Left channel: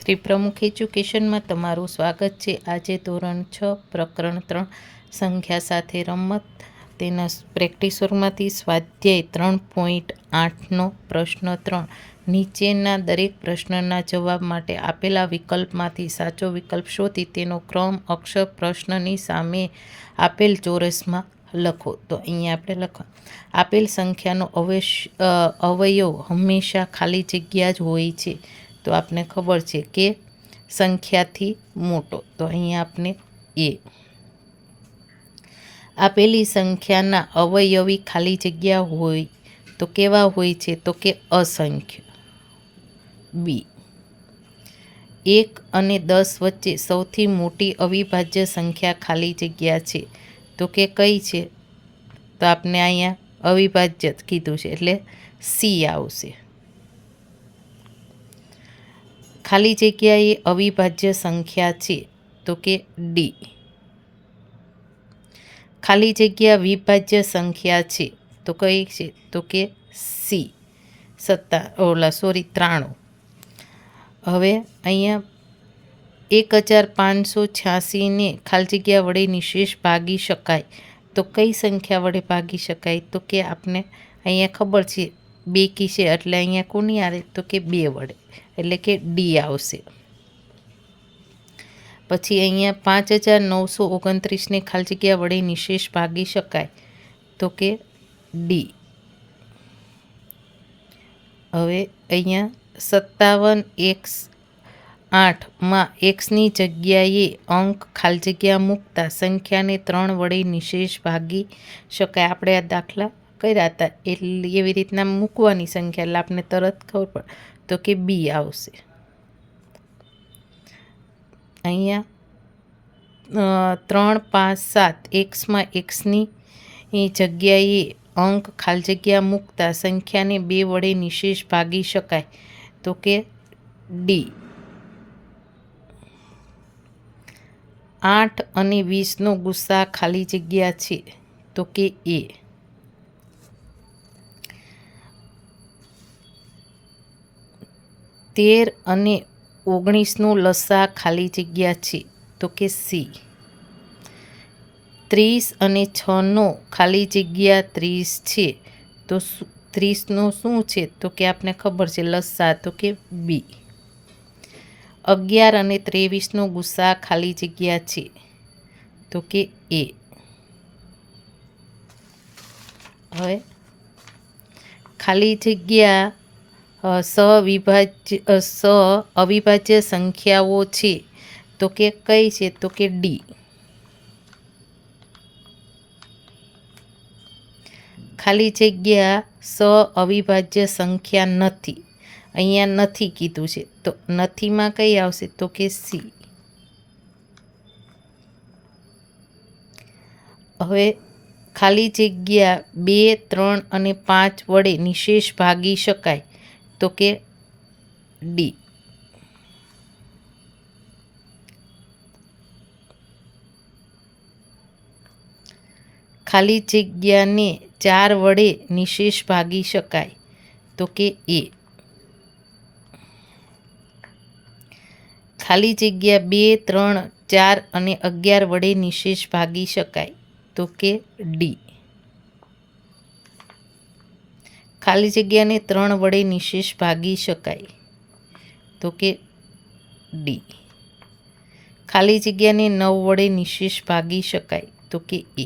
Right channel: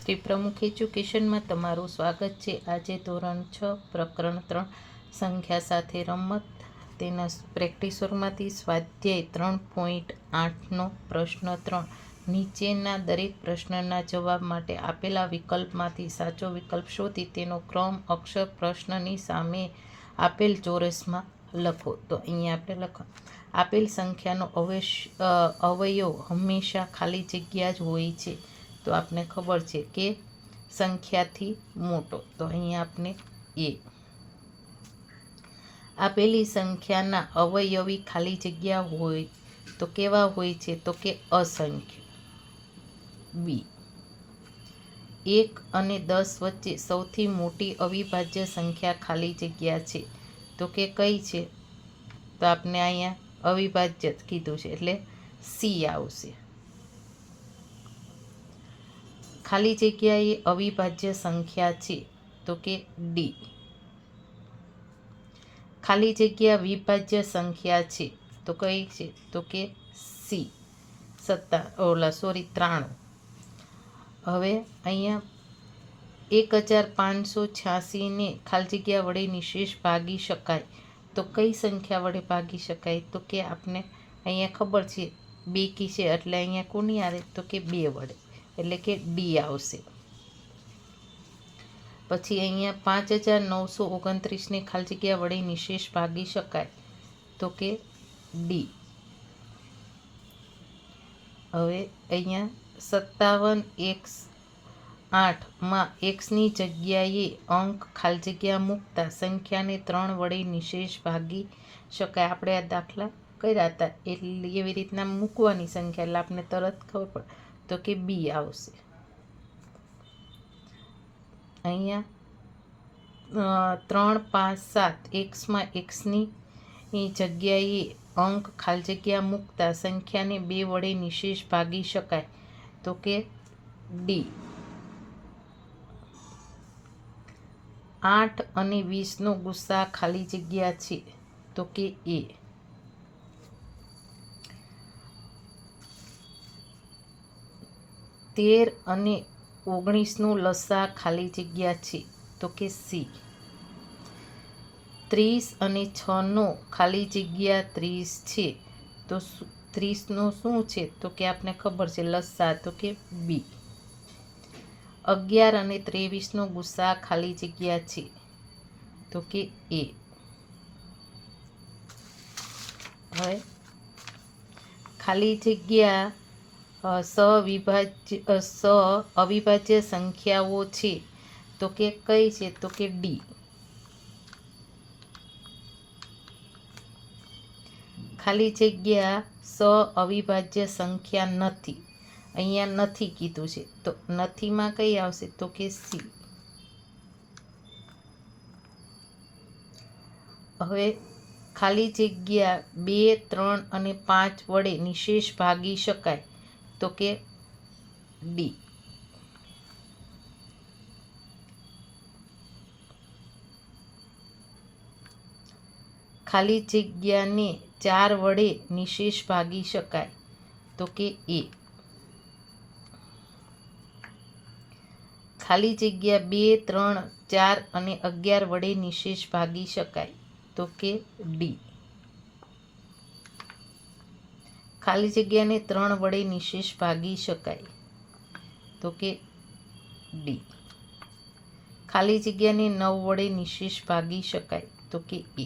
શ્રી પ્રમુખ એજ્યુકેશનમાં તમારું સ્વાગત છે। આજે ધોરણ 6 પ્રકરણ 3 સંખ્યા સાથે રમત તેના પ્રેક્ટિસ વર્ગમાંથી સ્વાધ્યાય 3.8નો પ્રશ્ન 3 નીચેના દરેક પ્રશ્નના જવાબ માટે આપેલા વિકલ્પમાંથી સાચો વિકલ્પ શોધી તેનો ક્રમ અક્ષર પ્રશ્નની સામે આપેલ ચોરસમાં લખો। તો અહીંયા આપણે લખો આપેલ સંખ્યાનો અવયવ હંમેશા ખાલી જગ્યા જ હોય છે। તો આપને ખબર છે કે સંખ્યાથી મોટો, તો અહીંયા આપણે આપેલી સંખ્યાના અવયવી ખાલી જગ્યા હોય તો કેવા હોય છે, તો કે અસંખ્ય। બી 1 અને 10 વચ્ચે સૌથી મોટી અવિભાજ્ય સંખ્યા ખાલી જગ્યા છે તો કે કઈ છે, તો આપણે અહીંયા અવિભાજ્ય કીધું છે એટલે સી આવશે। ખાલી જગ્યા એ અવિભાજ્ય સંખ્યા છે તો કે ડી। ખાલી જગ્યા વિભાજ્ય સંખ્યા છે તો કઈ છે, તો કે સી 93। હવે અહીંયા 1586ને ખાલી જગ્યા વડે નિશેષ ભાગી શકાય તો કઈ સંખ્યા વડે ભાગી શકાય, તો કે આપણે અહીંયા ખબર છે બેકી છે એટલે અહીંયા કોની આવે, તો કે 2 વડે એટલે કે ડી આવશે। પછી અહીંયા 5929ને ખાલી જગ્યા વડે નિશેષ ભાગી શકાય તો કે ડી। હવે અહીંયા 57x8માં xની જગ્યાએ અંક ખાલી જગ્યા મૂકતા સંખ્યાને 3 વડે નિશેષ ભાગી શકાય। આપણે આ દાખલા કર્યા હતા એટલે એવી રીતના મૂકવાની સંખ્યા એટલે આપણે તરત ખબર પડે તો કે બી આવશે। અહીંયા 3 5 7 એક્સમાં એક્સની જગ્યાએ અંક ખાલી જગ્યા મૂકતા સંખ્યાને 2 વડે નિશેષ ભાગી શકાય તો કે ડી। 8 અને 20નો ગુસ્સા ખાલી જગ્યા છે તો કે એ। 13 અને 19નો લસા ખાલી જગ્યા છે તો કે સી। 30 અને 6નો ખાલી જગ્યા 30 છે તો 30નો શું છે, તો કે આપણે ખબર છે લસા તો કે બી। 11 અને 23નો ગુસ્સા ખાલી જગ્યા છે તો કે એ। હવે ખાલી જગ્યા અવિભાજ્ય સંખ્યાઓ છે તો કે કઈ છે, તો કે ડી। ખાલી જગ્યા અવિભાજ્ય સંખ્યા નથી, અહીંયા નથી કીધું છે તો નથીમાં કઈ આવશે, તો કે સી। હવે ખાલી જગ્યા 2 3 અને 5 વડે નિશેષ ભાગી શકાય તો કે ડી। ખાલી જગ્યાને 4 વડે નિશેષ ભાગી શકાય તો કે એ। ખાલી જગ્યા 2 3 4 અને 11 વડે નિશેષ ભાગી શકાય તો કે ડી। ખાલી જગ્યાને 3 વડે નિશેષ ભાગી શકાય તો કે ડી। ખાલી જગ્યાને 9 વડે નિશેષ ભાગી શકાય તો કે એ।